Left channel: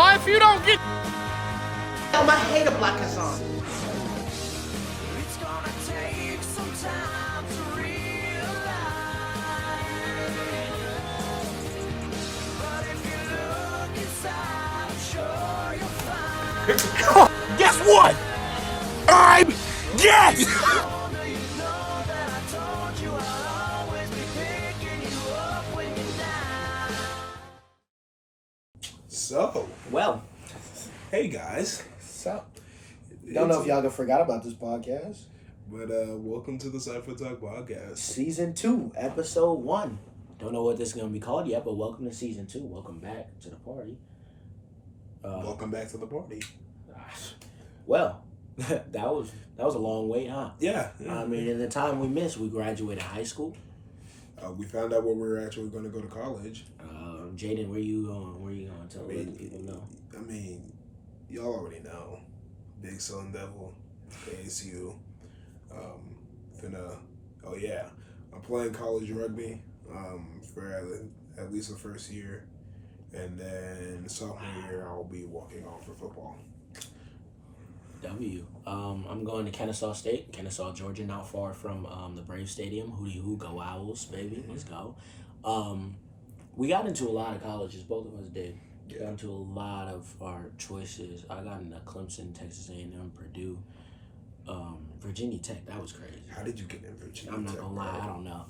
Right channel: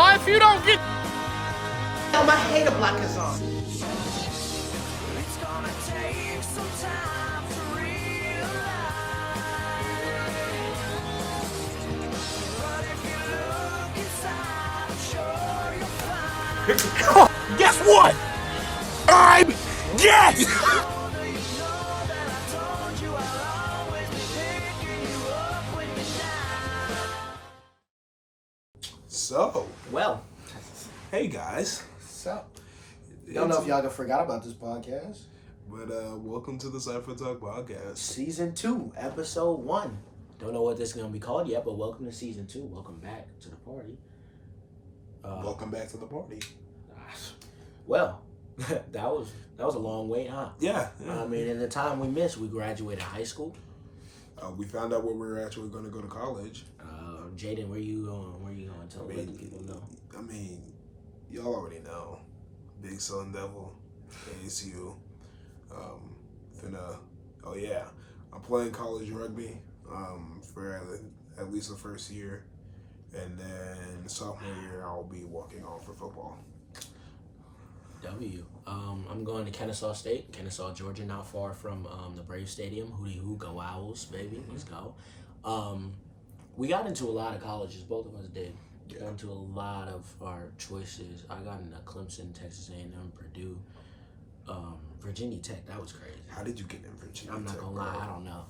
Boy, if you don't get... I hate a black croissant. It's gonna take some time to realize. But if you look inside, I'm sure you'll find. Guess what? I'm dead! You know that I told you I'll always be picking you up when you're down. So, Well, hey guys, so don't know if y'all forgot about this podcast. but welcome to the Cypha Talk podcast. Season 2, episode 1. Don't know what this is gonna be called yet, but welcome to season 2. Welcome back to the party. Welcome back to the party. Well, that was a long wait, huh? Yeah. I mean, in the time we missed, we graduated high school. We found out where we were actually going to go to college. Jaden, where you going? Where you going? Tell let the people know. I mean, y'all already know. Big Sun Devil, ASU. I'm playing college rugby for at least the first year. And then sophomore year, I'll be walking on for football. I'm going to Kennesaw State, Kennesaw, Georgia, not far from the Brave Stadium. Hootie hoo, go Owls, baby. Let's go. We got into a lot of colleges. Both of us did. Yeah. Got into a lot of our choices. I got into Clemson, Texas A&M, Purdue, Virginia Tech. That was crazy. How did you get in Virginia? I'm not going to lie. I don't know.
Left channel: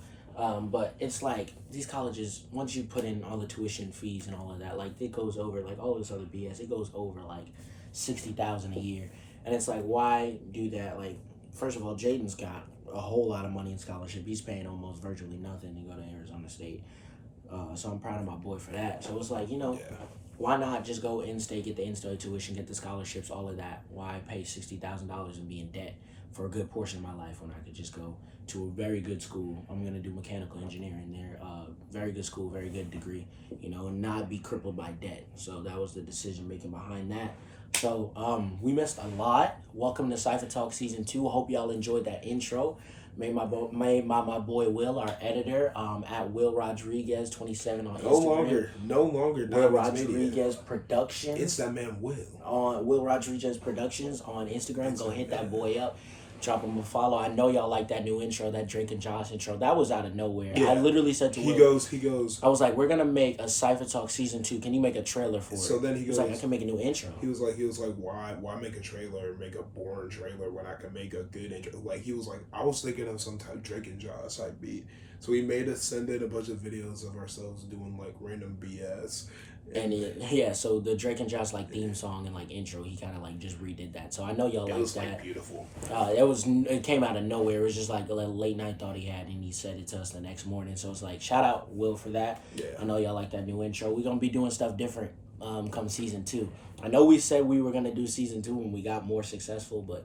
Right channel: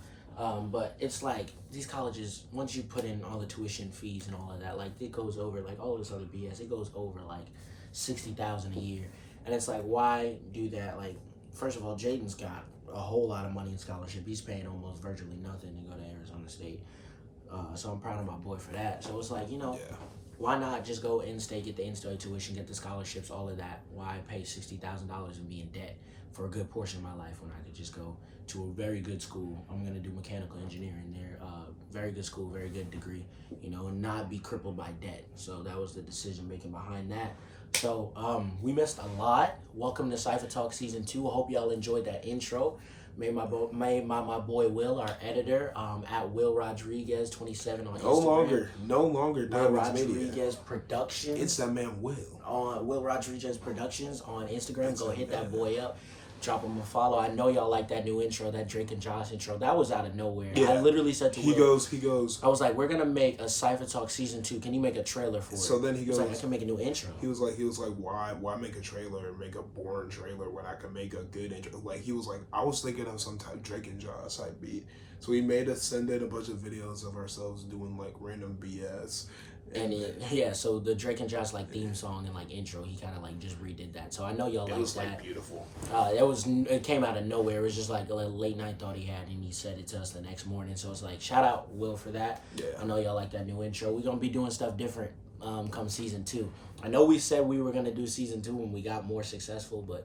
But it's like these colleges, once you put in all the tuition fees and all of that, like it goes over, like all this other BS, it goes over like $60,000 a year. And it's like, why do that? Like, first of all, Jaden's got a whole lot of money in scholarship. He's paying almost virtually nothing to go to Arizona State. So I'm proud of my boy for that. So it's like, why not just go in-state, get the in-state tuition, get the scholarships, all of that? Why pay $60,000 and be in debt for a good portion of my life when I could just go to a very good school? I'm going to do mechanical engineering there. Very good school, very good degree, and not be crippled by debt. So that was the decision making behind that. So we missed a lot. Welcome to Cypha Talk Season 2. I hope y'all enjoyed that intro. Made my boy Will, our editor, at Will Rodriguez 27 on Instagram. No longer. Will Rodriguez Productions. It's that man Will. On Will Rodriguez Productions on Instagram. Go hit that boy up. Drop him a follow. I know y'all like that new intro, that Drake and Josh intro. That was out of nowhere. Yeah. I literally said to Will. He goes. I was like, we're going to make a Cypha Talk Season 2. Can you make a trailer for it? So then he goes. Like, I can make a new intro. He was like, why make a trailer, make a boring trailer when I can make a good intro? Like, he was like, I was thinking of some type Drake and Josh type beat. So he made us send in a bunch of videos of ourselves doing like random BS. So the Drake and Josh theme song and intro, he kind of just redid that. So I know y'all like that. It was beautiful. It came out of nowhere. It was just a late night thought he had, and he said it to us the next morning. So it's like, shout out Will for that. Yeah. I know y'all like that new intro. We're gonna be doing stuff different come season 2. I know we said we were gonna do season 2 when we got more successful, but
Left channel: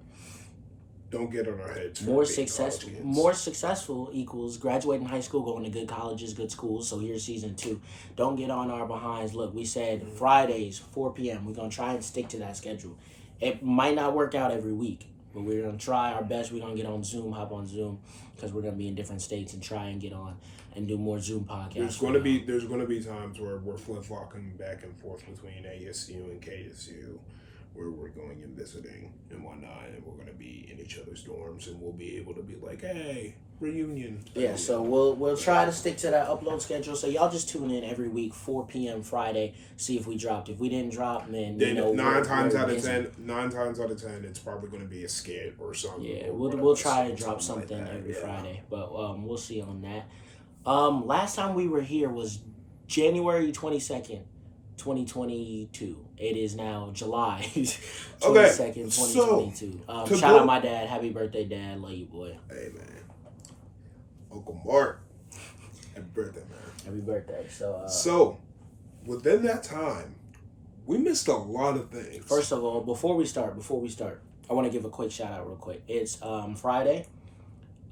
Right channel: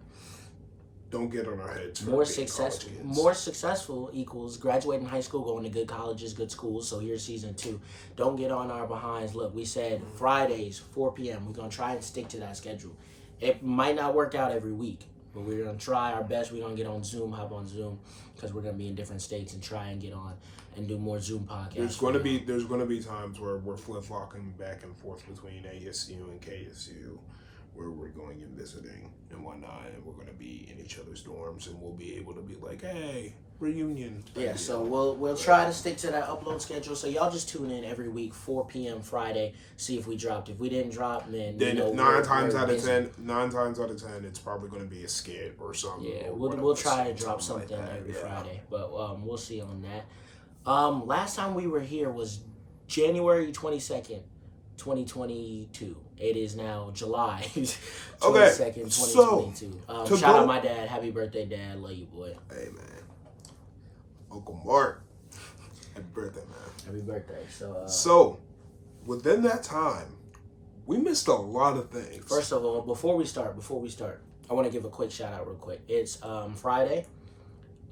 don't get on our heads. More successful equals graduating high school, going to good colleges, good schools. So here's season 2. Don't get on our behinds. Look, we said Fridays, 4 p.m. We're going to try and stick to that schedule. It might not work out every week, but we're going to try our best. We're going to get on Zoom, hop on Zoom, because we're going to be in different states and try and get on and do more Zoom podcasts. There's going to be times where we're flip-flopping back and forth between ASU and KSU, where we're going and visiting and whatnot, and we're going to be in each other's dorms, and we'll be able to be like, hey, reunion. Yeah, so we'll try to stick to that upload schedule. So y'all just tune in every week, 4 p.m. Friday, see if we dropped. If we didn't drop, then nine times out of ten, it's probably going to be a skit or something. Yeah, we'll try to drop something every Friday, but we'll see on that. Last time we were here was January 22nd. 2022. It is now July 22nd, 2022. Shout out my dad. Happy birthday, Dad. Love you, boy. Hey, man. Uncle Mark. Happy birthday, man. Happy birthday. So, within that time, we missed a lot of things. First of all, before we start, I want to give a quick shout out real quick. It's Friday.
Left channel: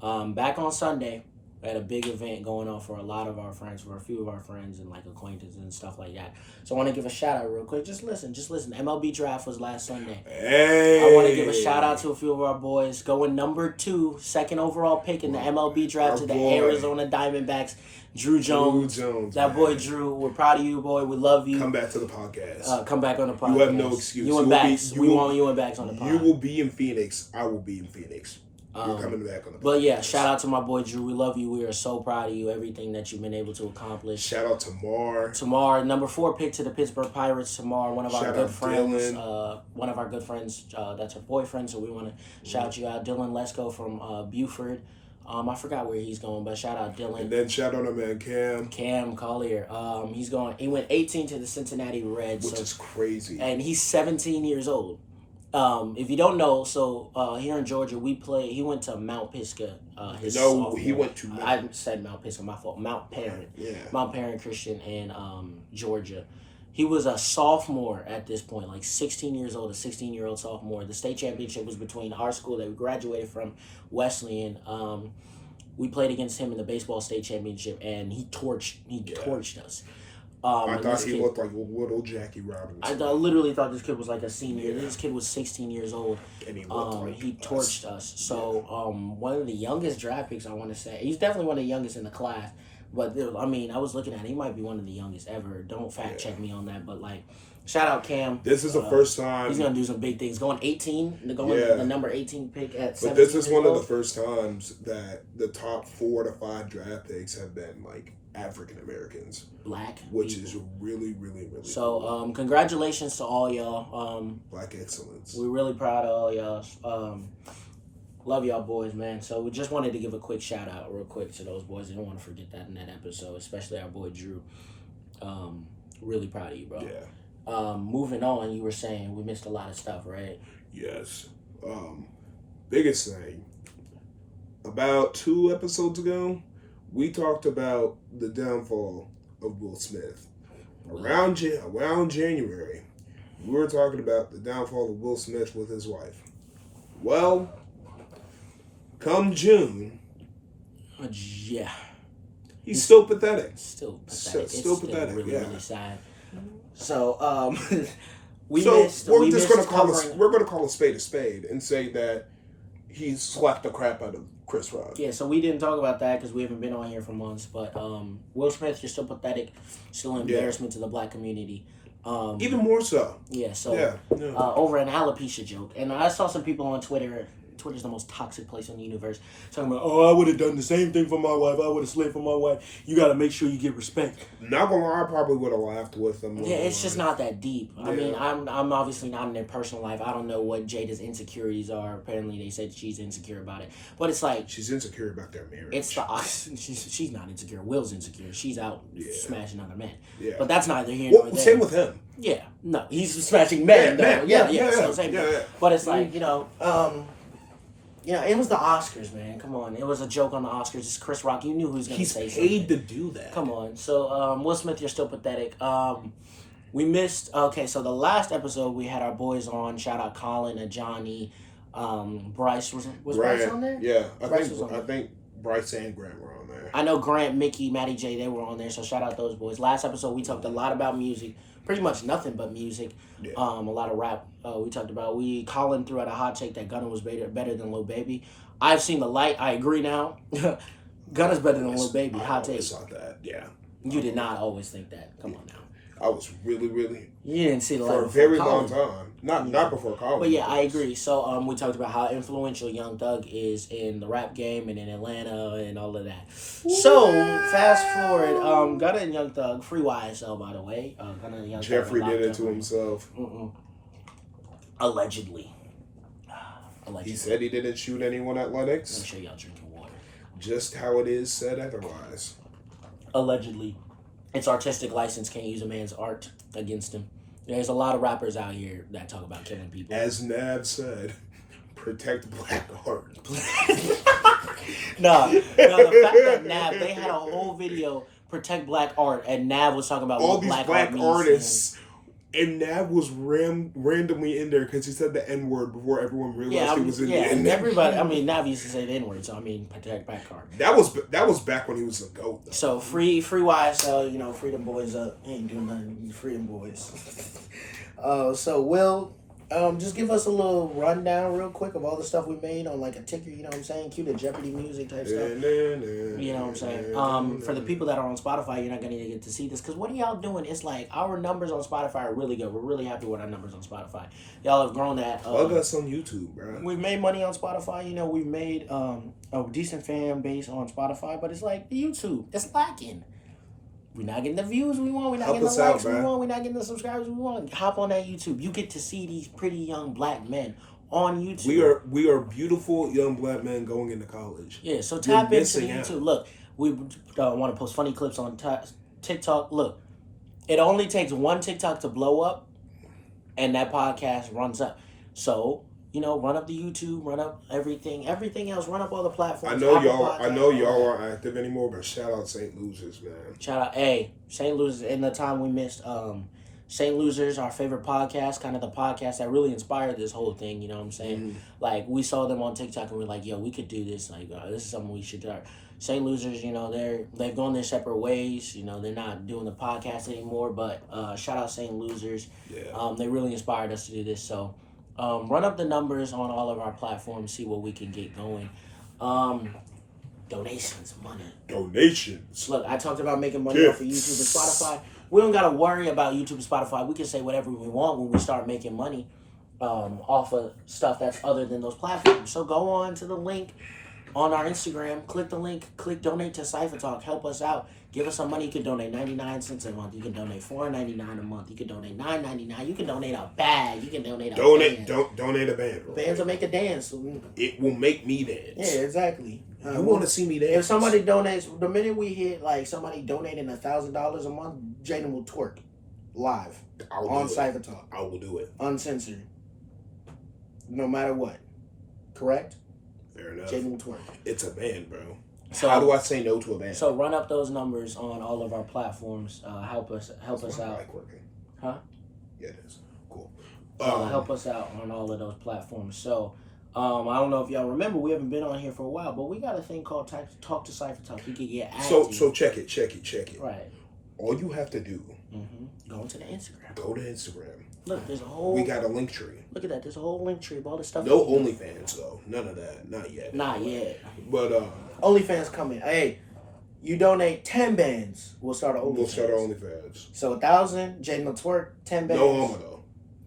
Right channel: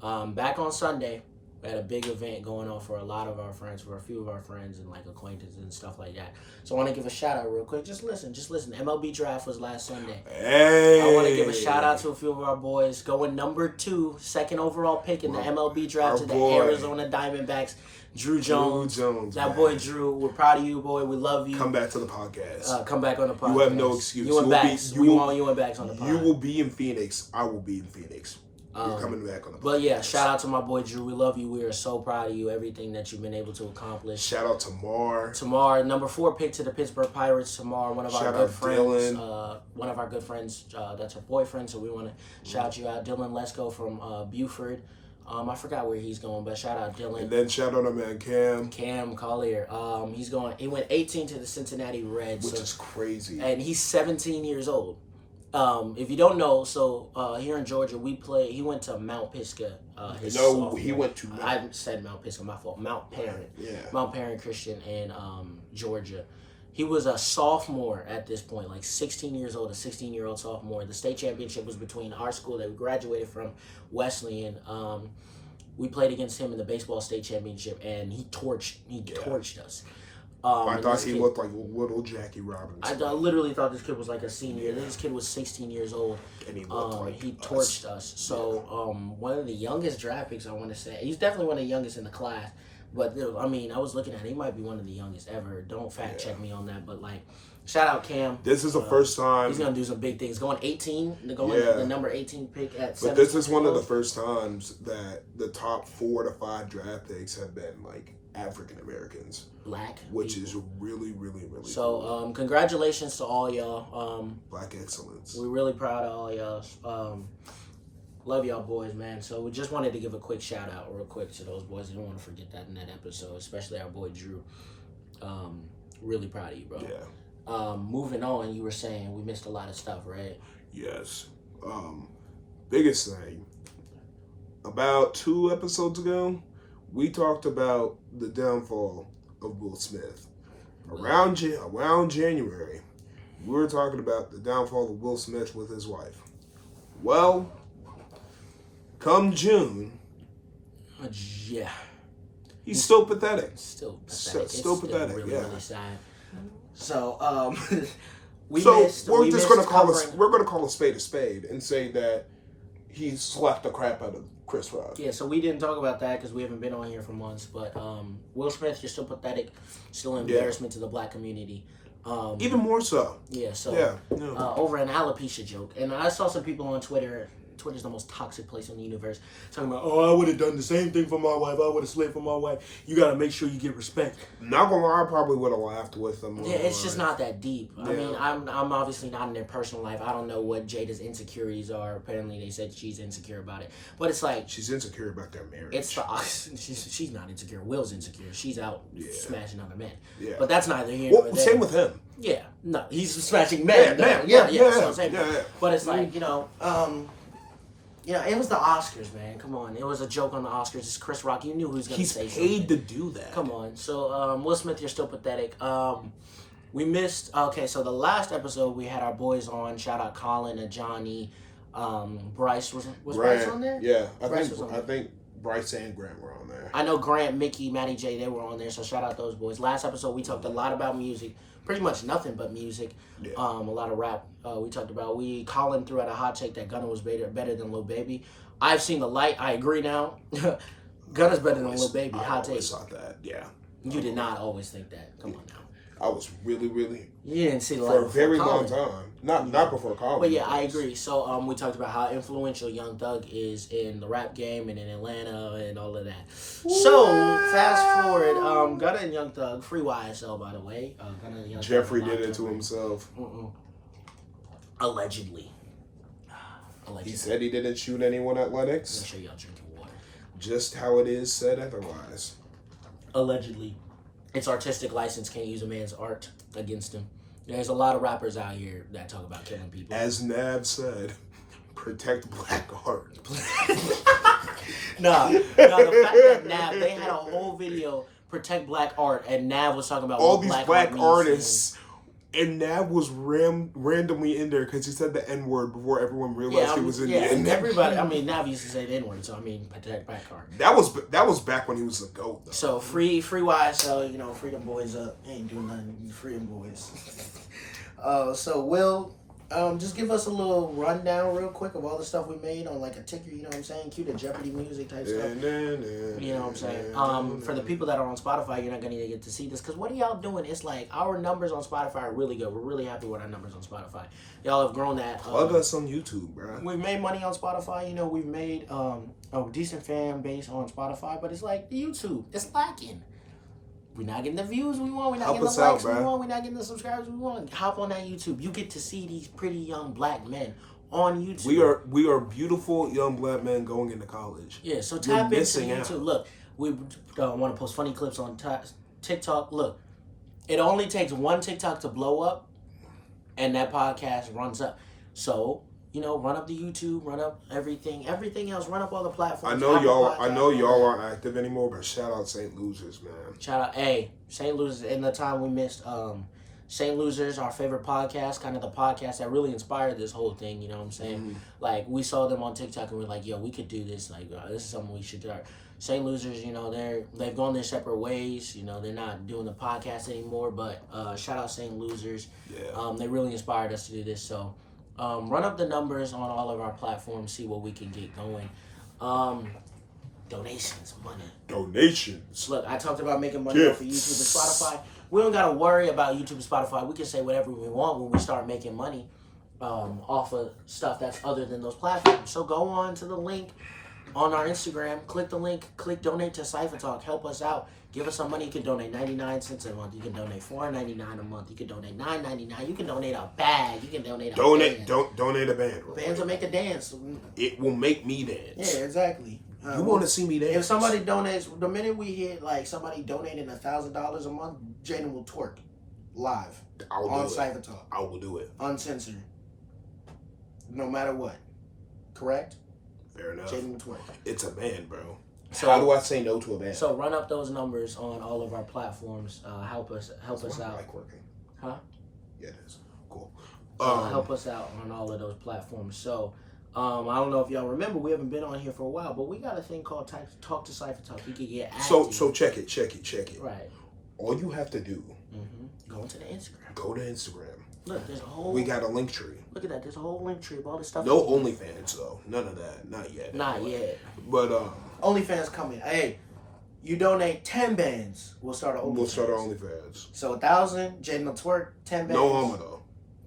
Back on Sunday, We had a big event going on for a lot of our friends, for a few of our friends and like acquaintances and stuff like that. So I want to give a shout out real quick. Just listen. MLB draft was last Sunday. Hey. I want to give a shout out to a few of our boys. Going number 2, second overall pick in the MLB draft to the Arizona Diamondbacks. Drew Jones. That boy Drew. We're proud of you, boy. We love you. Come back to the podcast. Come back on the podcast. You have no excuse. You and Bax. We want you and Bax on the podcast. You will be in Phoenix. I will be in Phoenix. You're coming back on the podcast. But yeah, shout out to my boy Drew. We love you. We are so proud of you. Everything that you've been able to accomplish. Shout out to Mar. Tamar, number 4 pick to the Pittsburgh Pirates. Tamar, one of our good friends. One of our good friends. That's her boyfriend. So we want to shout you out. Dylan Lesko from Buford. I forgot where he's going, but shout out Dylan. And then shout out our man Cam. Cam Collier. He went 18 to the Cincinnati Reds. Which is crazy. And he's 17 years old. If you don't know, so here in Georgia, he went to Mount Pisgah. He went to... I said Mount Pisgah, my fault. Mount Perrin. Yeah. Mount Perrin Christian in Georgia. He was a sophomore at this point, like 16 years old, a 16-year-old sophomore. The state championship was between our school that we graduated from, Wesleyan. We played against him in the baseball state championship, and he torched us. I thought he looked like little Jackie Robinson. I literally thought this kid was like a senior. Yeah. This kid was 16 years old. And he looked like he torched us. So one of the youngest draft picks, I want to say. He's definitely one of the youngest in the class. But, I mean, I was looking at it. He might be one of the youngest ever. Don't fact check me on that. But, like, shout out Cam. This is the first time. He's going to do some big things. Going 18. The number 18 pick at 17. But this is one of the first times that the top 4 to 5 draft picks have been, like, African Americans. Black. Which is really, really, really so, cool. Congratulations to all y'all. Black excellence. We're really proud of all y'all. Love y'all boys, man. So we just wanted to give a quick shout out real quick to those boys. I don't want to forget that in that episode, especially our boy Drew. Really proud of you, bro. Yeah. Moving on, you were saying we missed a lot of stuff, right? Yes. Biggest thing. About 2 episodes ago, we talked about the downfall of Will Smith. Around January, we were talking about the downfall of Will Smith with his wife. Well, come June, yeah, he's still pathetic. Still pathetic. Still pathetic. Really, yeah. really sad. So, we're gonna call a spade and say that he slapped the crap out of Chris Rock. Yeah, so we didn't talk about that because we haven't been on here for months. But Will Smith, you're still pathetic, still an embarrassment to the black community. Even more so. Yeah. So over an alopecia joke, and I saw some people on Twitter. Twitter's the most toxic place in the universe. Talking about, I would have done the same thing for my wife. I would have slid for my wife. You got to make sure you get respect. Not gonna lie, I probably would have laughed with them. Yeah, it's just not that deep. Yeah. I mean, I'm obviously not in their personal life. I don't know what Jada's insecurities are. Apparently, they said she's insecure about it. But it's like she's insecure about their marriage. It's she's not insecure. Will's insecure. She's out smashing other men. Yeah. But that's neither here nor there. Same with him. Yeah. No, he's smashing men. So same thing. Yeah. But it's like it was the Oscars, man. Come on. It was a joke on the Oscars. It's Chris Rock. You knew who was going to say something. He's paid to do that. Come on. So, Will Smith, you're still pathetic. We missed... Okay, so the last episode, we had our boys on. Shout out Colin and Johnny. Bryce. Was Bryce on there? Yeah. I think Bryce and Grant were on there. I know Grant, Mickey, Matty J, they were on there. So, shout out those boys. Last episode, we talked a lot about music. Pretty much nothing but music. Yeah. A lot of rap. We talked about. Colin threw out a hot take that Gunna was better than Lil Baby. I've seen the light. I agree now. Gunna's better than Lil Baby. Hot take. I saw that. Yeah. You did not always think that. Come on now. I was really, really. You didn't see the light for a very long time. Not before college. But yeah, I agree. So we talked about how influential Young Thug is in the rap game and in Atlanta and all of that. So fast forward, Gunna and Young Thug, free YSL by the way. Gunna and Young Jeffrey did it to himself. Allegedly. He said he didn't shoot anyone at Lennox. Make sure y'all drinking water. Just how it is said otherwise. Allegedly. It's artistic license, can't use a man's art against him. There's a lot of rappers out here that talk about killing people. As Nav said, protect black art. No, the fact that Nav, they had a whole video, protect black art, and Nav was talking about all what these black black art artists And Nav was randomly in there because he said the N-word before everyone realized he was in the N-word. Everybody. I mean, Nav used to say the N-word, so I mean, protect back card. That was back when he was a GOAT, though. So free YSL, free them boys up. Ain't doing nothing. Free them boys. So Will, just give us a little rundown real quick of all the stuff we made on like a ticker, you know what I'm saying? Cue the Jeopardy music type stuff. You know what I'm saying? For the people that are on Spotify, you're not going to get to see this because what are y'all doing? It's like our numbers on Spotify are really good. We're really happy with our numbers on Spotify. Y'all have grown that. Plug us on YouTube, bro. We've made money on Spotify. We've made a decent fan base on Spotify, but it's like the YouTube. It's lacking. We're not getting the views we want. We're not getting the likes we want. We're not getting the subscribers we want. Hop on that YouTube. You get to see these pretty young black men on YouTube. We are beautiful young black men going into college. Yeah, so tap into the YouTube. Look, we want to post funny clips on TikTok. Look, it only takes one TikTok to blow up, and that podcast runs up. So, run up the YouTube, run up everything else, run up all the platforms. I know y'all aren't active anymore, but shout out St. Losers, man. Shout out, St. Losers. In the time we missed, St. Losers, our favorite podcast, kind of the podcast that really inspired this whole thing. You know what I'm saying? Mm-hmm. Like we saw them on TikTok and we're like, yo, we could do this. Like this is something we should do. St. Losers, they've gone their separate ways. They're not doing the podcast anymore. But shout out St. Losers. Yeah. They really inspired us to do this. So. Run up the numbers on all of our platforms, see what we can get going. Donations, money. Donations. Look, I talked about making money off of YouTube and Spotify. We don't got to worry about YouTube and Spotify. We can say whatever we want when we start making money off of stuff that's other than those platforms. So go on to the link on our Instagram. Click the link. Click donate to Cypha Talk. Help us out. Give us some money. You can donate 99 cents a month. You can donate $4.99 a month. You can donate $9.99. You can donate a bag. You can donate a band. Donate a band. Bro. Bands will make a dance. It will make me dance. Yeah, exactly. You want to see me dance? If somebody donates, the minute we hit like somebody donating $1,000 a month, Jaden will twerk live on Cypha Talk. I will do it. Uncensored. No matter what. Correct? Fair enough. Jaden will twerk. It's a band, bro. So, how do I say no to a band? So run up those numbers on all of our platforms. Help us out. Mic working? Huh? Yeah, it is. Cool. Help us out on all of those platforms. So I don't know if y'all remember, we haven't been on here for a while, but we got a thing called Talk to Cypha Talk. You can get active. So check it. Right. All you have to do. Go into the Instagram. Go to Instagram. Look, there's a whole. We got a link tree. Look at that. There's a whole link tree of all the stuff. No OnlyFans though. None of that. Not yet. Not yet. But OnlyFans coming. Hey, you donate 10 bands, we'll start an OnlyFans. We'll start our OnlyFans. So 1,000, Jaden will twerk, 10 bands. No homo though.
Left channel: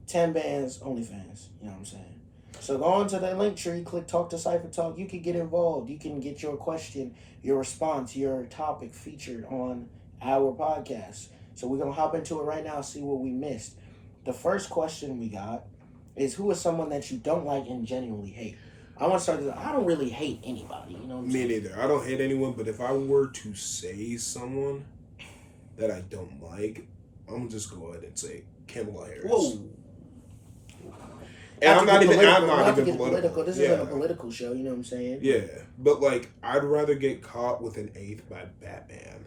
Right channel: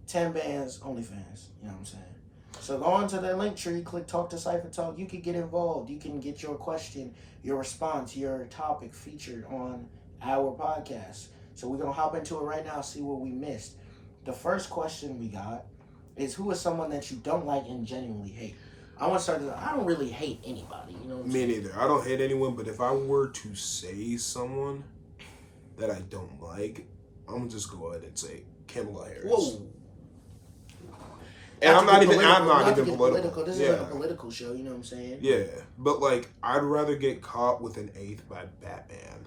10 bands, OnlyFans. You know what I'm saying? So go on to the link tree, click Talk to Cypha Talk. You can get involved. You can get your question, your response, your topic featured on our podcast. So we're going to hop into it right now, see what we missed. The first question we got is, who is someone that you don't like and genuinely hate? I want to start this. I don't really hate anybody. You know what I'm saying? Me neither. I don't hate anyone, but if I were to say someone that I don't like, I'm going to just go ahead and say Kamala Harris. Whoa. And I'm not even political. This isn't a political show, you know what I'm saying? Yeah. But, I'd rather get caught with an eighth by Batman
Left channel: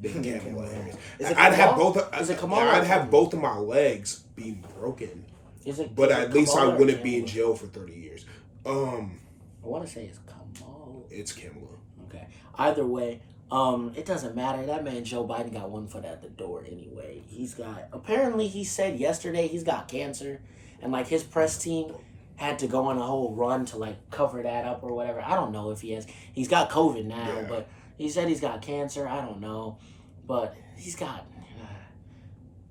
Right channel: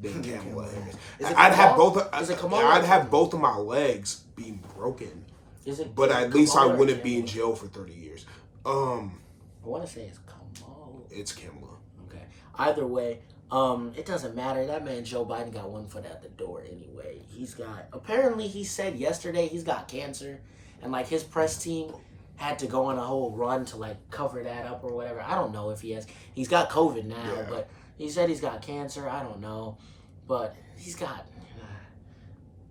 than Kamala Harris. I'd have both of my legs being broken. But at least I wouldn't be in jail for 30 years. I want to say it's Kamal. It's Kamala. Okay. Either way, it doesn't matter. That man Joe Biden got one foot at the door anyway. Apparently he said yesterday he's got cancer, and his press team had to go on a whole run to cover that up or whatever. I don't know if he has. He's got COVID now, but he said he's got cancer. I don't know, but he's got.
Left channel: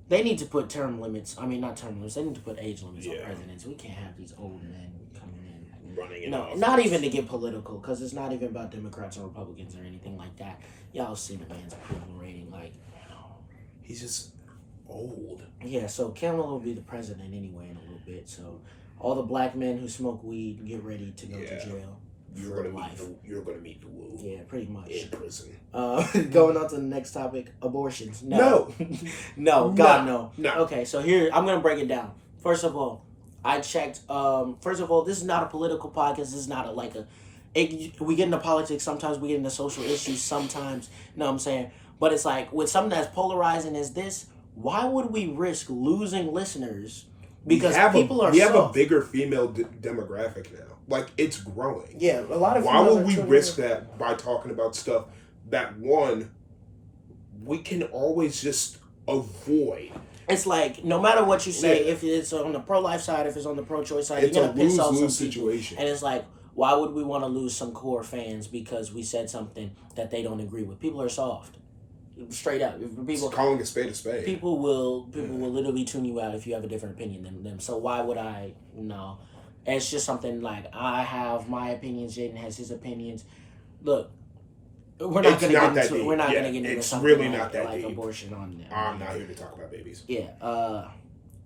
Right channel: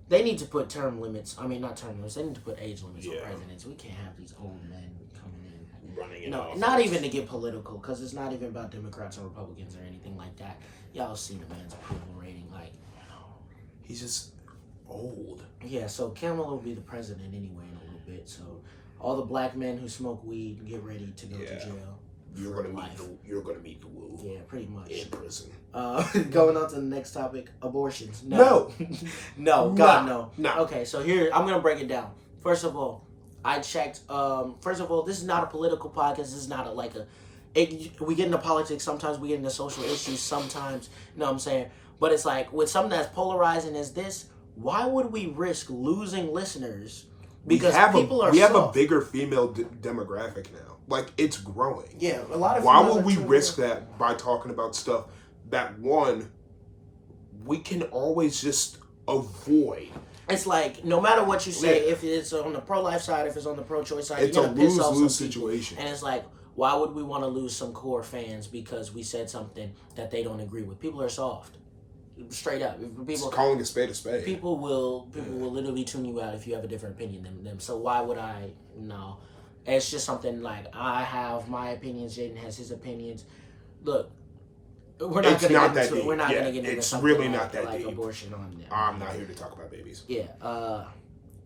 They need to put term limits. I mean, not term limits. They need to put age limits on presidents. We can't have these old men coming in. Running not even to get political, because it's not even about Democrats or Republicans or anything like that. Y'all see the man's approval rating. He's just old. Yeah, so Kamala will be the president anyway in a little bit. So all the black men who smoke weed, get ready to go to jail. You're gonna meet the woo. Yeah, pretty much. In prison. Going on to the next topic, abortions. No. No, God, no. Okay, so here, I'm going to break it down. First of all, I checked. First of all, this is not a political podcast. This is not we get into politics sometimes. We get into social issues sometimes. You know what I'm saying? But it's with something that's polarizing as this, why would we risk losing listeners? Because we have a bigger female demographic now. Like, it's growing. Yeah, a lot of. Why would we risk that by talking about stuff that, one, we can always just avoid? It's like, no matter what you say, if it's on the pro-life side, if it's on the pro-choice side, it's you're going to piss off some situation. And it's like, why would we want to lose some core fans because we said something that they don't agree with? People are soft. Straight up. People calling a spade a spade. People will literally tune you out if you have a different opinion than them. So why would I? No. It's just something like, I have my opinions, Jaden has his opinions. Look, we're not going to get into it. We're not going to get into something really like abortion on there. I'm not here to talk about babies. Yeah.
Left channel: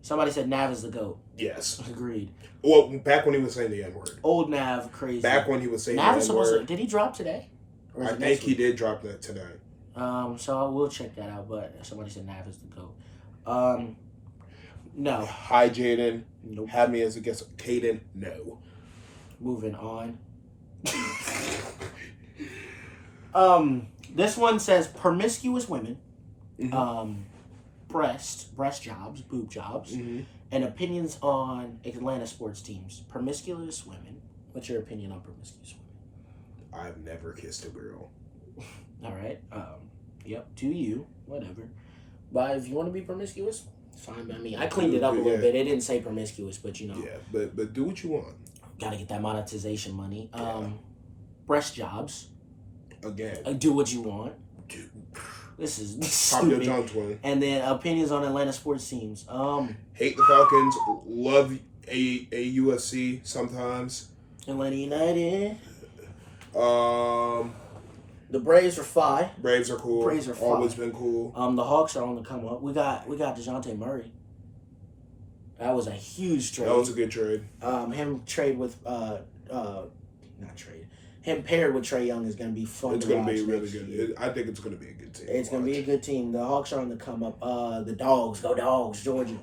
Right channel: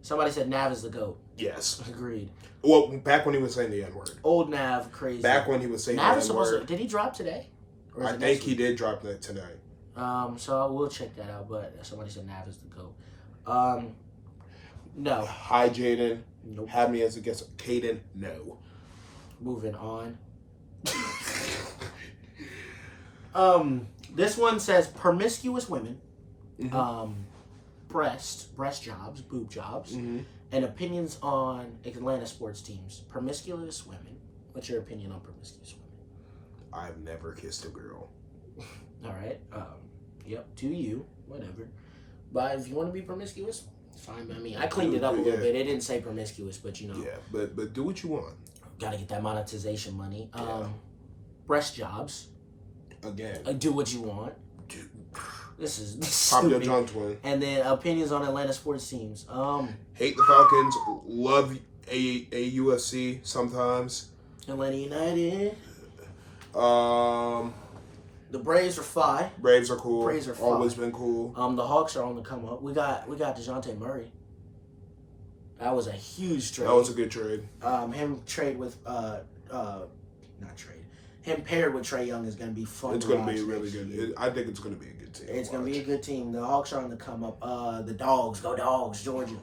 Somebody said Nav is the GOAT. Yes. Agreed. Well, back when he was saying the N-word. Old Nav, crazy. Back when he was saying Nav the is N-word. supposed to... Did he drop today? I think he did drop that tonight. So I will check that out, but somebody said Nav is the GOAT. No. Hi, Jaden. Nope. Have me as a guest. Caden, no. Moving on. This one says promiscuous women, breast jobs, boob jobs, and opinions on Atlanta sports teams. Promiscuous women. What's your opinion on promiscuous women? I've never kissed a girl. All right. Yep. To you, whatever. But if you want to be promiscuous, it's fine by me. I cleaned it up a little bit. It didn't say promiscuous, but you know. Yeah, but do what you want. Got to get that monetization money. Breast jobs. Again. Do what you want. This is Pop your stupid. John Twin. And then opinions on Atlanta sports teams. Hate the Falcons. Love AUFC sometimes. Atlanta United. The Braves are fine. Braves are cool. Braves are fine. Always been cool. The Hawks are on the come up. We got DeJounte Murray. That was a huge trade. That was a good trade. Him trade with him paired with Trae Young is going to be fun. It's going to be really good. I think it's going to be a good team. It's going to be a good team. The Hawks are on the come up. The Dogs, go Dogs, Georgia.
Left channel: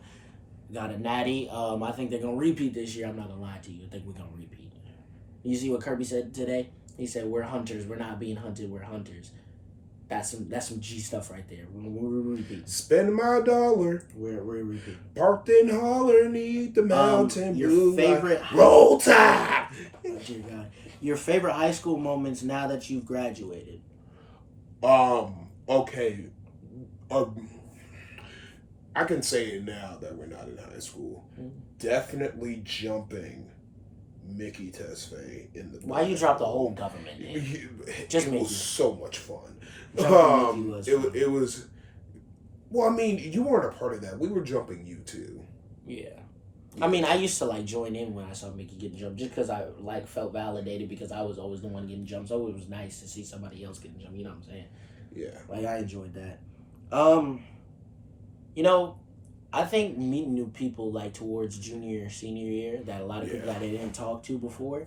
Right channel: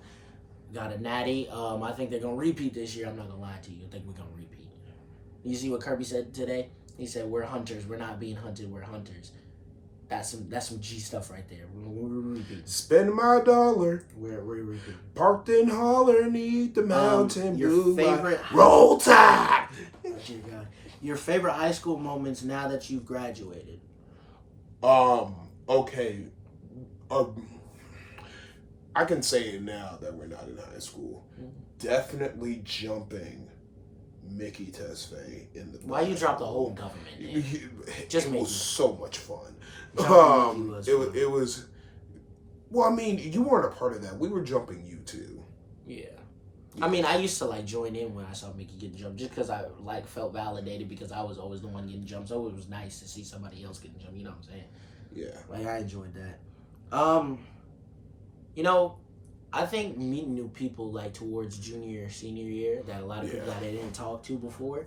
Got a natty. I think they're going to repeat this year. I'm not going to lie to you. I think we're going to repeat. You see what Kirby said today? He said, we're hunters. We're not being hunted. We're hunters. That's some G stuff right there. We're repeating. Spend my dollar. We're repeating. Parked in holler, need the mountain your blue. Favorite Roll Tide. Oh, dear God. Your favorite high school moments now that you've graduated? Okay. I can say it now that we're not in high school. Definitely jumping Mickey Tesfaye in the. Why you drop the whole government name? Just it was so much fun. It was. Well, I mean, you weren't a part of that. We were jumping you too. Yeah. I mean, I used to join in when I saw Mickey getting jumped, just because I felt validated because I was always the one getting jumped. So it was nice to see somebody else getting jumped. You know what I'm saying? Yeah. I enjoyed that. I think meeting new people towards junior or senior year, that a lot of people that I didn't talk to before,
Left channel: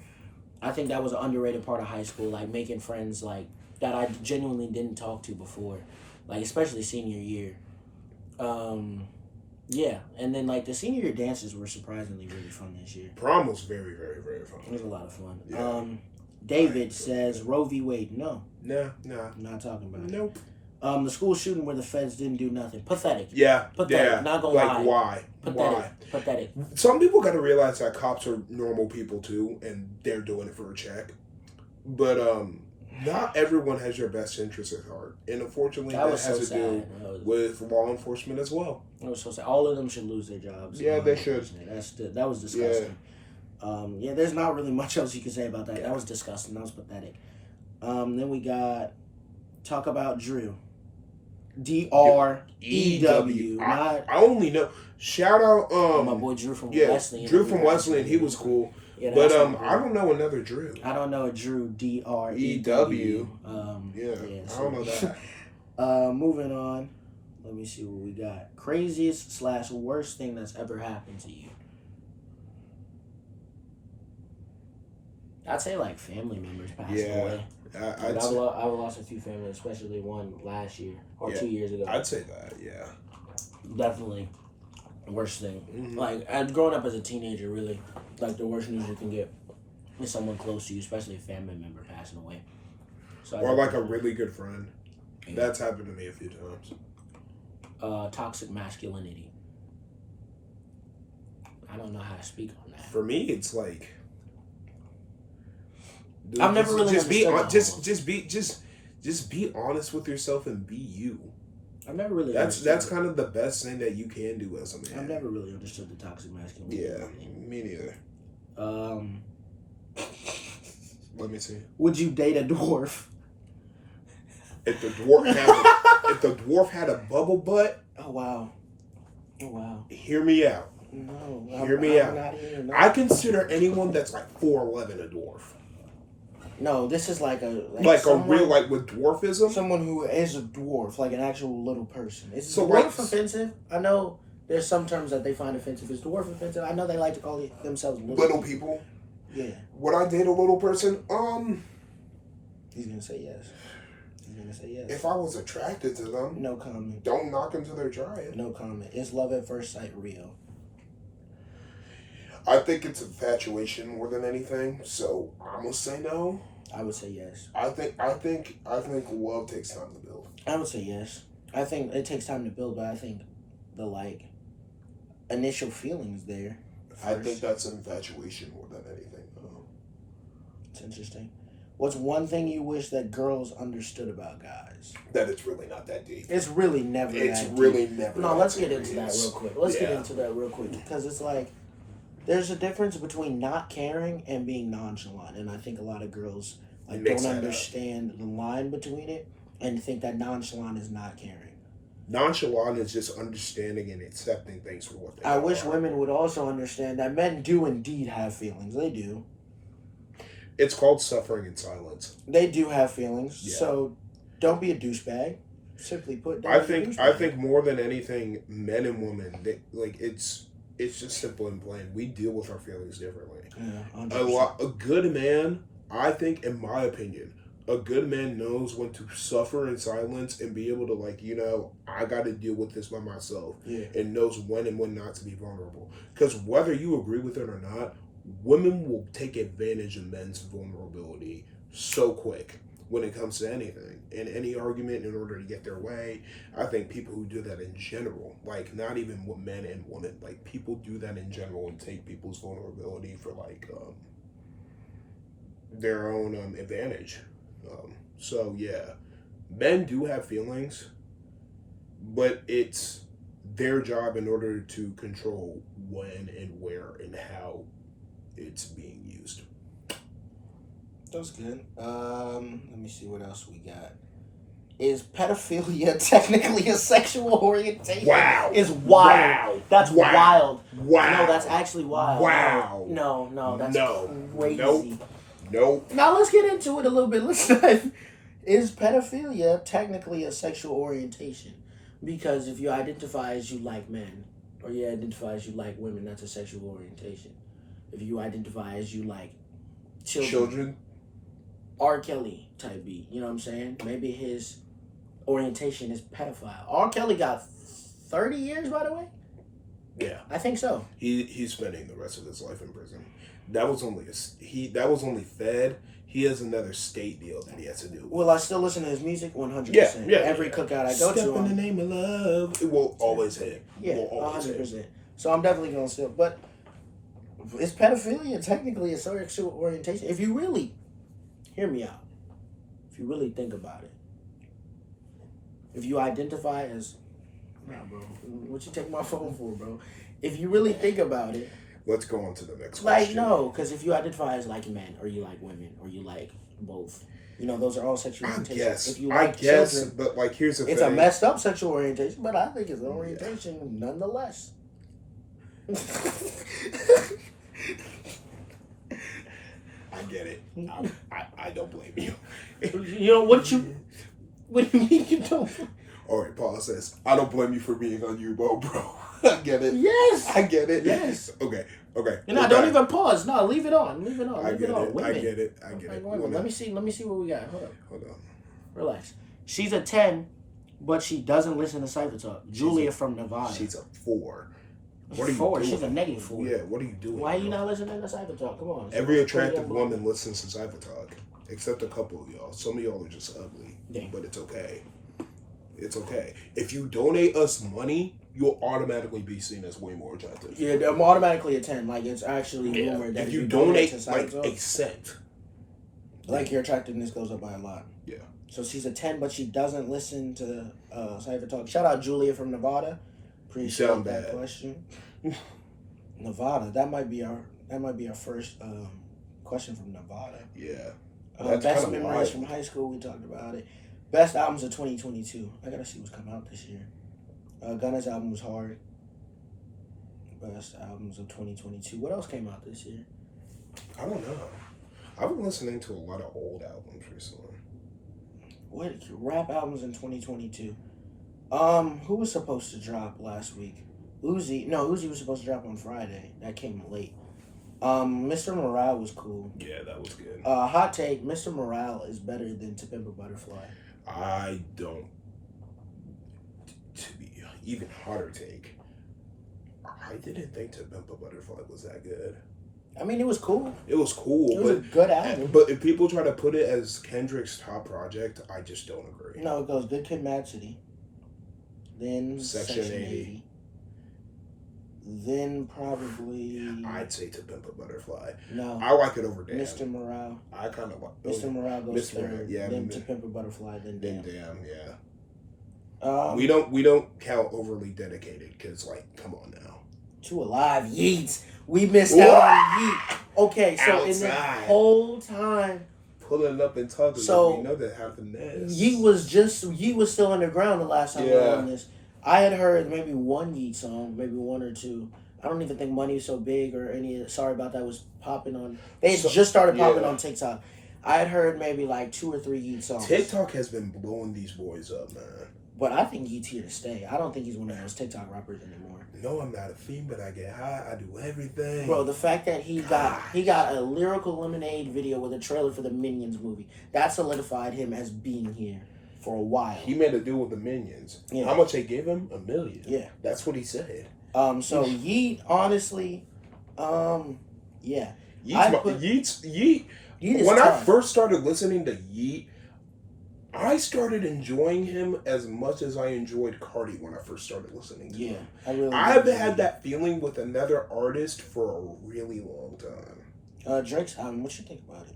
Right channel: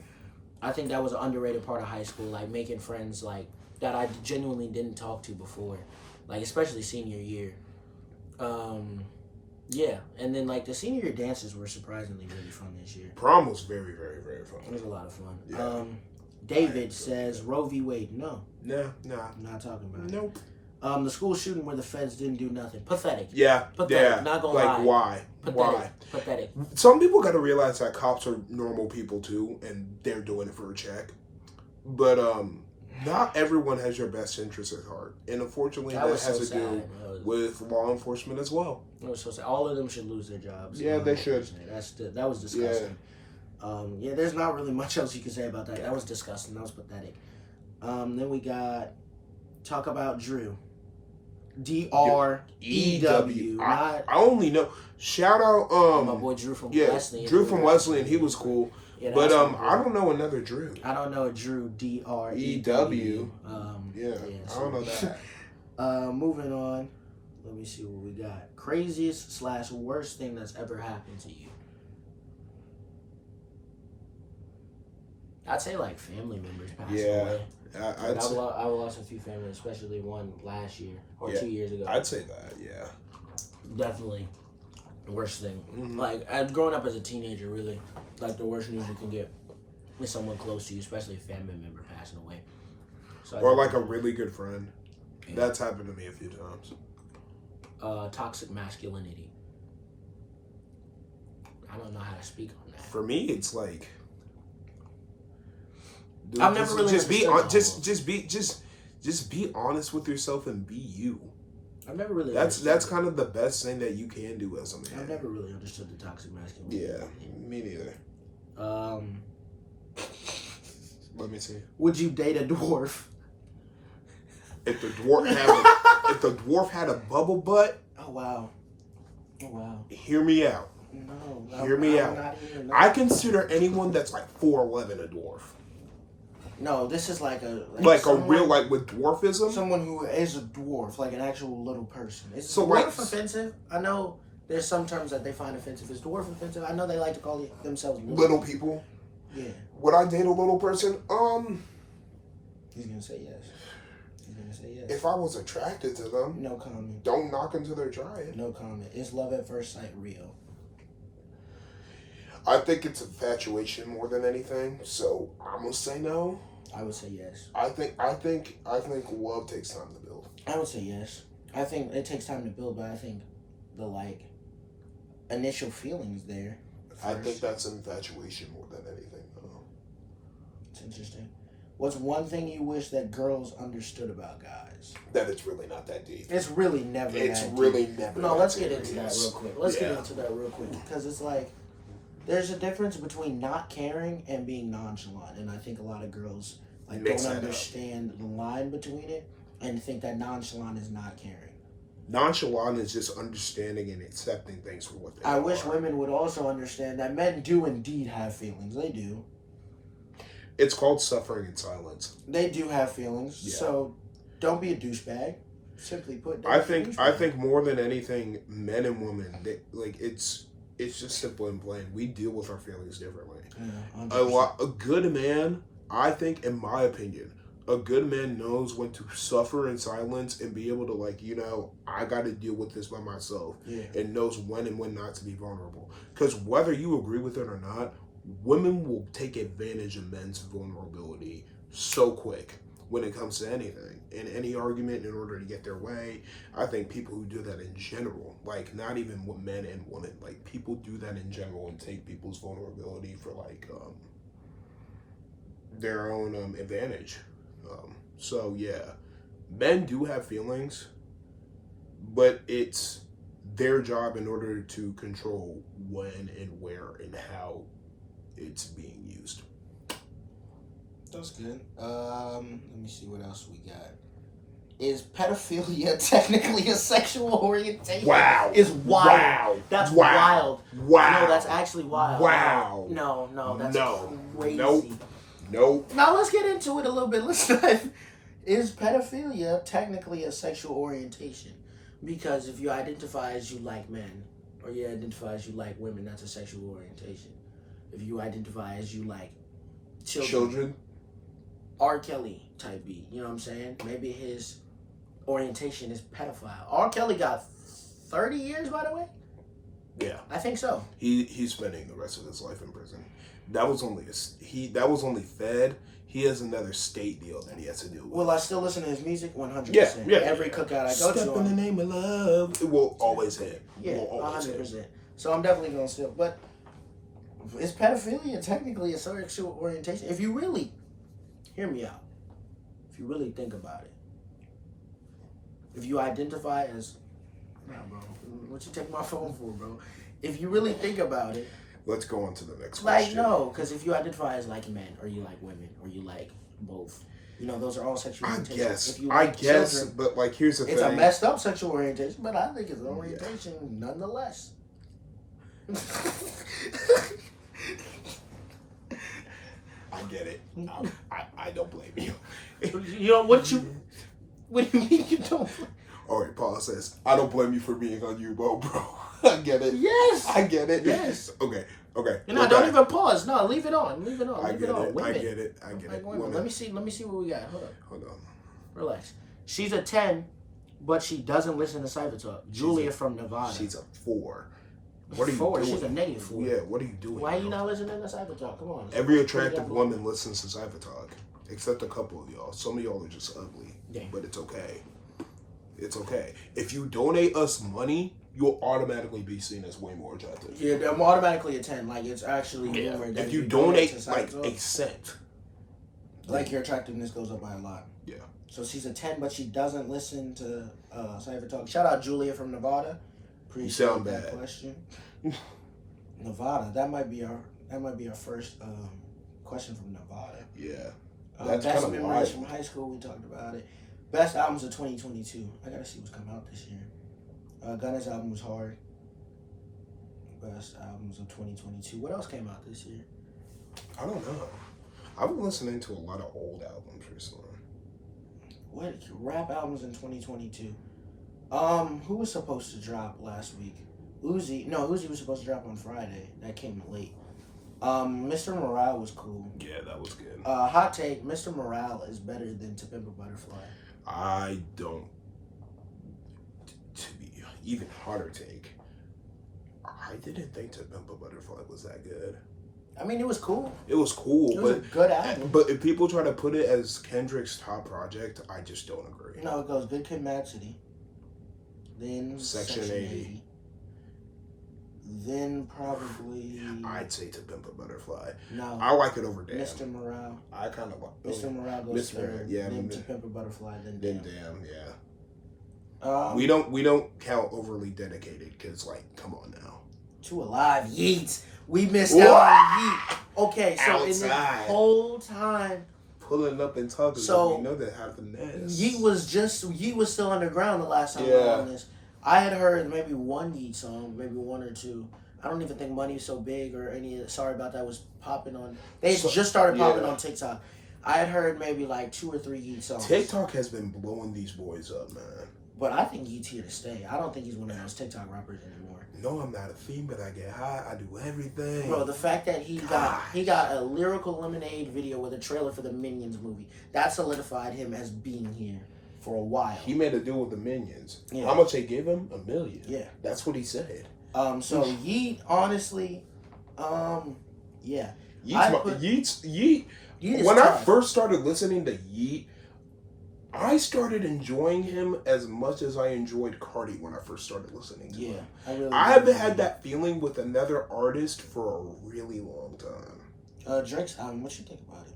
I think that was an underrated part of high school. Making friends that I genuinely didn't talk to before, especially senior year. Yeah, and then the senior year dances were surprisingly really fun this year. Prom was very, very, very fun. It was a lot of fun. Yeah. David says Roe v. Wade. No. No. I'm not talking about it. Nope. The school shooting where the feds didn't do nothing. Pathetic. Yeah. Pathetic. Yeah. Not gonna lie. Why? Pathetic. Why? Pathetic. Some people got to realize that cops are normal people too, and they're doing it for a check. But not everyone has your best interest at heart, and unfortunately, that has to do with law enforcement as well. It was so sad. All of them should lose their jobs. Yeah, they should. That was disgusting. Yeah. There's not really much else you can say about that. Yeah. That was disgusting. That was pathetic. Then we got talk about Drew. D-R-E-W. I only know. Shout out my boy Drew from Wesleyan. Drew from Wesleyan. He was cool. Yeah, but I don't know another Drew. I don't know a Drew. D-R-E-W. I don't know that. Moving on. Let me see what we got. Craziest / worst thing that's ever happened to you. I'd say family members passed away. I've lost a few families, especially one last year or 2 years ago. I'd say that, yeah. Definitely. Worst thing. Mm-hmm. Growing up as a teenager, really, the worst news you can get is someone close to you, especially a family member passing away. So or a really good friend. Yeah. That's happened to me a few times. toxic masculinity. I don't know how to speak on that. For me, it's like, dude, I've never really just be honest with yourself and be you. I've never really. That's kind of the best thing that you can do as a man. I've never really understood the toxic masculinity. Yeah, me neither. Let me see. Would you date a dwarf? If the dwarf had a bubble butt. Oh wow. Oh wow. Hear me out. No. Hear me out. Not hearing, no. I consider anyone that's like 4'11" a dwarf. No, this is like a real with dwarfism. Someone who is a dwarf, like an actual little person. Is so dwarf offensive? I know there's some terms that they find offensive. Is dwarf offensive? I know they like to call themselves little people. Yeah. Would I date a little person? He's gonna say yes. He's gonna say yes. If I was attracted to them, no comment. Don't knock until they're trying. No comment. Is love at first sight real? I think it's infatuation more than anything. So I'm gonna say no. I would say yes. I think love takes time to build. I would say yes. I think it takes time to build, but I think the initial feelings there. First. I think that's infatuation more than anything. It's interesting. What's one thing you wish that girls understood about guys? That it's really not that deep. It's really never it's that really deep. never No, that let's deep. get into that real quick. Let's get into that real quick. Because it's like, there's a difference between not caring and being nonchalant. And I think a lot of girls don't understand the line between it and think that nonchalant is not caring. Nonchalant is just understanding and accepting things for what they are. I wish women would also understand that men do indeed have feelings. They do. It's called suffering in silence. They do have feelings. Yeah. So don't be a douchebag. Simply put, I think more than anything, men and women, it's just simple and plain. We deal with our feelings differently. Yeah, 100%. A good man, I think, in my opinion, a good man knows when to suffer in silence and be able to, I got to deal with this by myself. Yeah. And knows when and when not to be vulnerable. Because whether you agree with it or not, women will take advantage of men's vulnerability so quick when it comes to anything. In any argument, in order to get their way. I think people who do that in general, not even men and women, people do that in general and take people's vulnerability for their own advantage. So yeah, men do have feelings, but it's their job in order to control when and where and how it's being used. That's good. Let me see what else we got. Is pedophilia technically a sexual orientation? Wow. Is wild. Wow. That's wow. wild. Wow. No, that's actually wild. Wow. No, that's crazy. Nope. Now let's get into it a little bit. Let's dive. Is pedophilia technically a sexual orientation? Because if you identify as you like men, or you identify as you like women, that's a sexual orientation. If you identify as you like children. R. Kelly type beat, you know what I'm saying? Maybe his orientation is pedophile. R. Kelly got 30 years, by the way? Yeah. I think so. He's spending the rest of his life in prison. That was only Fed. He has another state deal that he has to do with. Will I still listen to his music? 100%. Yeah. Every cookout I go Step to. in the name of love. It will always hit. Yeah, 100%. So I'm definitely going to still. But is pedophilia technically a sexual orientation? If you really, hear me out. If you really think about it. If you identify as, nah, bro, what you take my phone for, bro? If you really think about it. Let's go on to the next question. No, because if you identify as like men, or you like women, or you like both, those are all sexual orientations. If you like children, but here's the thing. It's a messed up sexual orientation, but I think it's an orientation nonetheless. I get it. I don't blame you. What do you mean you don't? All right, Paul says, I don't blame you for being on U-boat, bro. I get it. Yes. I get it. Yes. Okay. Don't even pause. No, leave it on. Women. I get it. Women. Let me see what we got. Hold on. on. Relax. She's a 10, but she doesn't listen to Cypha Talk. Julia from Nevada. She's a 4. What are you 4. doing? She's a -4. Yeah, what are you doing? Why are you not listening to Cypha Talk? Come on. Every attractive woman listens to Cypha Talk, except a couple of y'all. Some of y'all are just ugly, Dang. but it's okay. It's okay. If you donate us money, you'll automatically be seen as way more attractive. Yeah, I'm automatically a 10. Like, it's actually rumored that if you donate to like Cypha a Talk, cent, like, your attractiveness goes up by a lot. Yeah. So she's a 10, but she doesn't listen to Cypha Talk. Shout out Julia from Nevada. Appreciate that question. Nevada, that might be our first question from Nevada. Yeah. Best memories from high school, we talked about it. Best albums of 2022. I gotta see what's coming out this year. Gunna's album was hard. Best albums of 2022. What else came out this year? I don't know. I've been listening to a lot of old albums recently. What rap albums in 2022? Who was supposed to drop last week? Uzi was supposed to drop on Friday. That came late. Mr. Morale was cool. Yeah, that was good. Hot take, Mr. Morale is better than To Pimp a Butterfly. I don't. To be even hotter take, I didn't think To Pimp a Butterfly was that good. I mean, it was cool. It was cool. It was a good album. But if people try to put it as Kendrick's top project, I just don't agree. No, it goes Good Kid, Mad City. Then Section 80. Then probably... I'd say To Pimp a Butterfly. No. I like it over Damn. Mr. Morale. I kind of like Mr. Morale goes third. Yeah, then To Pimp a Butterfly. Then Damn. Yeah. We don't count Overly Dedicated because, like, come on now. Too Alive, Yeats. We missed out on Yeet. Okay, so in the whole time, pulling up and talking, so you know that happened. Yeet was still underground the last time we were on this. I had heard maybe one Yeet song, maybe one or two. I don't even think Money So Big or any. Sorry about that was popping on. They had just started popping on TikTok. I had heard maybe like 2 or 3 Yeet songs. TikTok has been blowing these boys up, man. But I think Yeet's here to stay. I don't think he's one of those TikTok rappers anymore. No, I'm not a fiend, but I get high. I do everything. Bro, the fact that he got a Lyrical Lemonade video with a trailer for the Minions movie, that solidified him as being here for a while. He made a deal with the Minions. Yeah. How much they gave him? $1 million. Yeah. That's what he said. So Yeet, honestly, yeah. Yeet. When I first started listening to Yeet, I started enjoying him as much as I enjoyed Cardi when I first started listening to him. I haven't had that feeling with another artist for a really long time. Drake's album, what you think about it?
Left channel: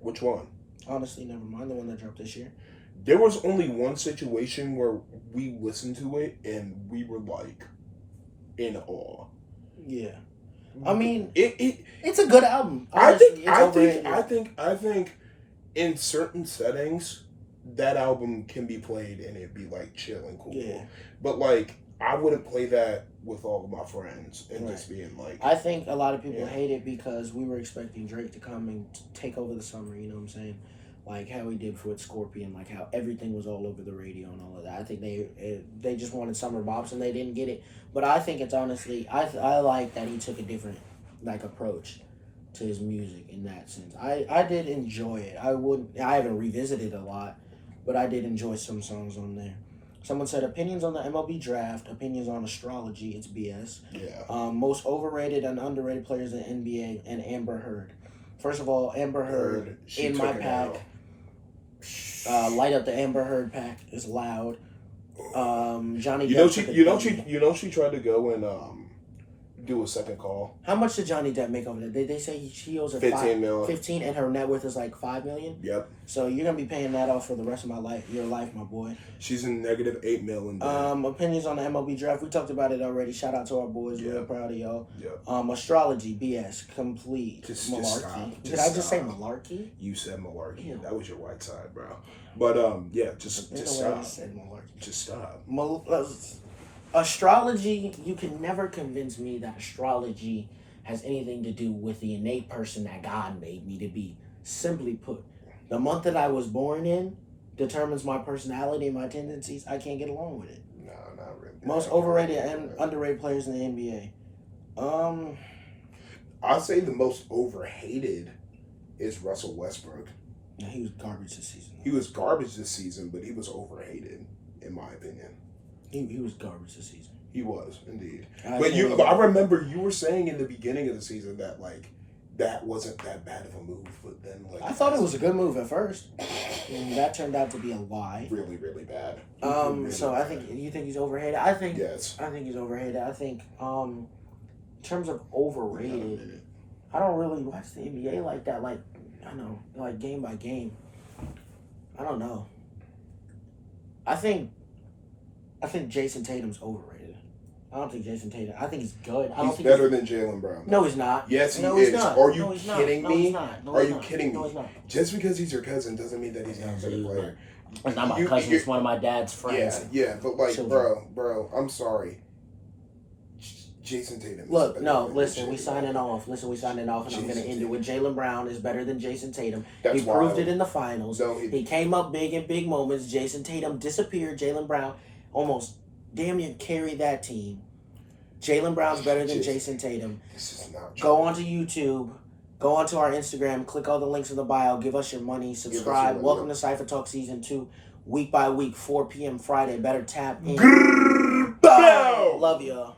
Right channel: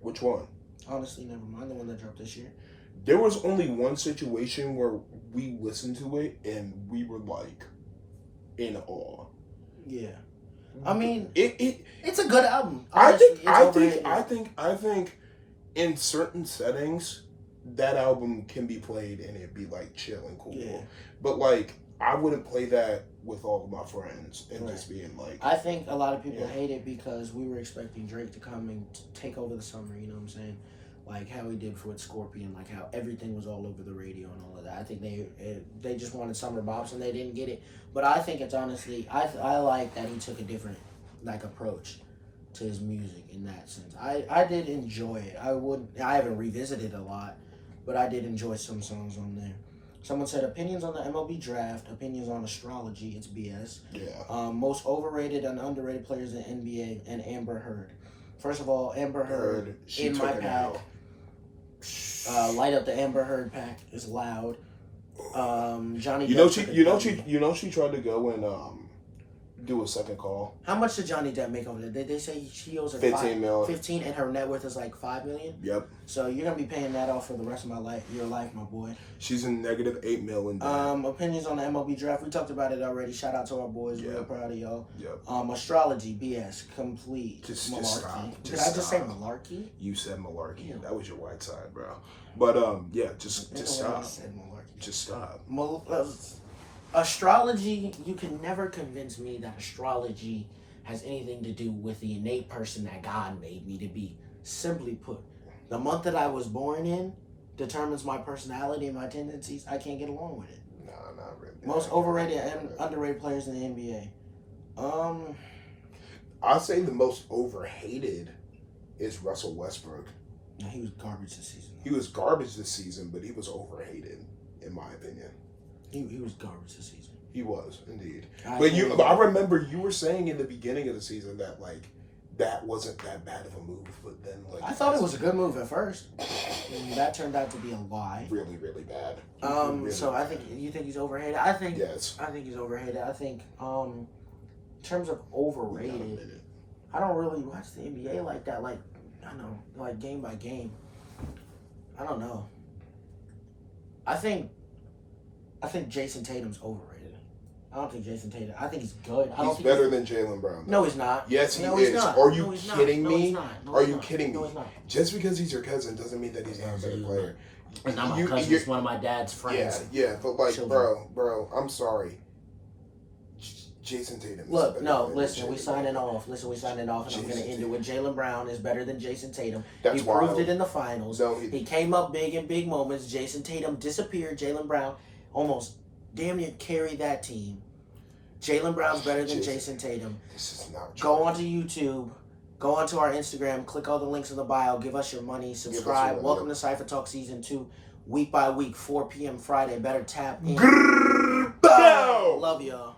Which one? Honestly, never mind. The one that dropped this year. There was only one situation where we listened to it and we were like in awe. Yeah. I mean, it's a good album. Honestly, I think in certain settings, that album can be played and it'd be like chill and cool. Yeah. But like, I wouldn't play that with all of my friends and just being like. I think a lot of people hate it because we were expecting Drake to come and take over the summer. You know what I'm saying? Like how he did with Scorpion, like how everything was all over the radio and all of that. I think they just wanted summer bops and they didn't get it. But I think it's honestly, I like that he took a different like approach to his music in that sense. I did enjoy it. I haven't revisited a lot, but I did enjoy some songs on there. Someone said opinions on the MLB draft, opinions on astrology. It's BS. Yeah. Most overrated and underrated players in the NBA and Amber Heard. First of all, Amber Heard in my pack. Light up the Amber Heard pack is loud. Johnny Depp. You know she tried to go and do a second call. How much did Johnny Depp make over that? They say she owes her $15 million. 15 and her net worth is like $5 million. Yep. So you're gonna be paying that off for the rest of your life, my boy. She's in negative $8 million. Opinions on the MLB draft. We talked about it already. Shout out to our boys. Yep. Real proud of y'all. Yep. Astrology, BS, complete malarkey. Just stop. Did I just say malarkey? You said malarkey. Ew. That was your white side, bro. But just stop. I said malarkey. Just stop. Astrology, you can never convince me that astrology has anything to do with the innate person that God made me to be. Simply put, the month that I was born in determines my personality and my tendencies. I can't get along with it. No, not really. Most overrated and underrated players in the NBA. I'll say the most overhated is Russell Westbrook. No, he was garbage this season. He was garbage this season, but he was overhated, in my opinion. He was garbage this season. He was, indeed. But I remember you were saying in the beginning of the season that, like, that wasn't that bad of a move, but then, like... I thought it was a good move at first. That turned out to be a lie. Really, really bad. So I think you think he's overrated. I think Yes. I think he's overrated. I think in terms of overrated, I don't really watch the NBA like that. Like I know, like game by game. I don't know. I think Jason Tatum's overrated. I don't think Jason Tatum. I think he's good. I don't He's think better than Jaylen Brown. No, he's not. Yes, he no, is. He's not. Are you no, he's not. kidding no, me? He's not. No, Are he's you not. kidding me? No, he's not. Just because he's your cousin doesn't mean that he's not a better player. It's not my cousin. It's one of my dad's friends. Yeah, but like, Children. bro, I'm sorry. Jason Tatum. Look, no, listen, we signing off. Listen, we signing off, and I'm going to end it with Jaylen Brown is better than Jason Tatum. That's he proved wild. it in the finals. No, he came up big in big moments. Jason Tatum disappeared. Jaylen Brown almost damn near carried that team. Jaylen Brown's better than Jason Tatum. This is not true. Go onto YouTube. Go onto our Instagram. Click all the links in the bio. Give us your money. Subscribe. Welcome to Cypha Talk Season 2. Week by week, 4 p.m. Friday. Better tap in. Bow! Love y'all.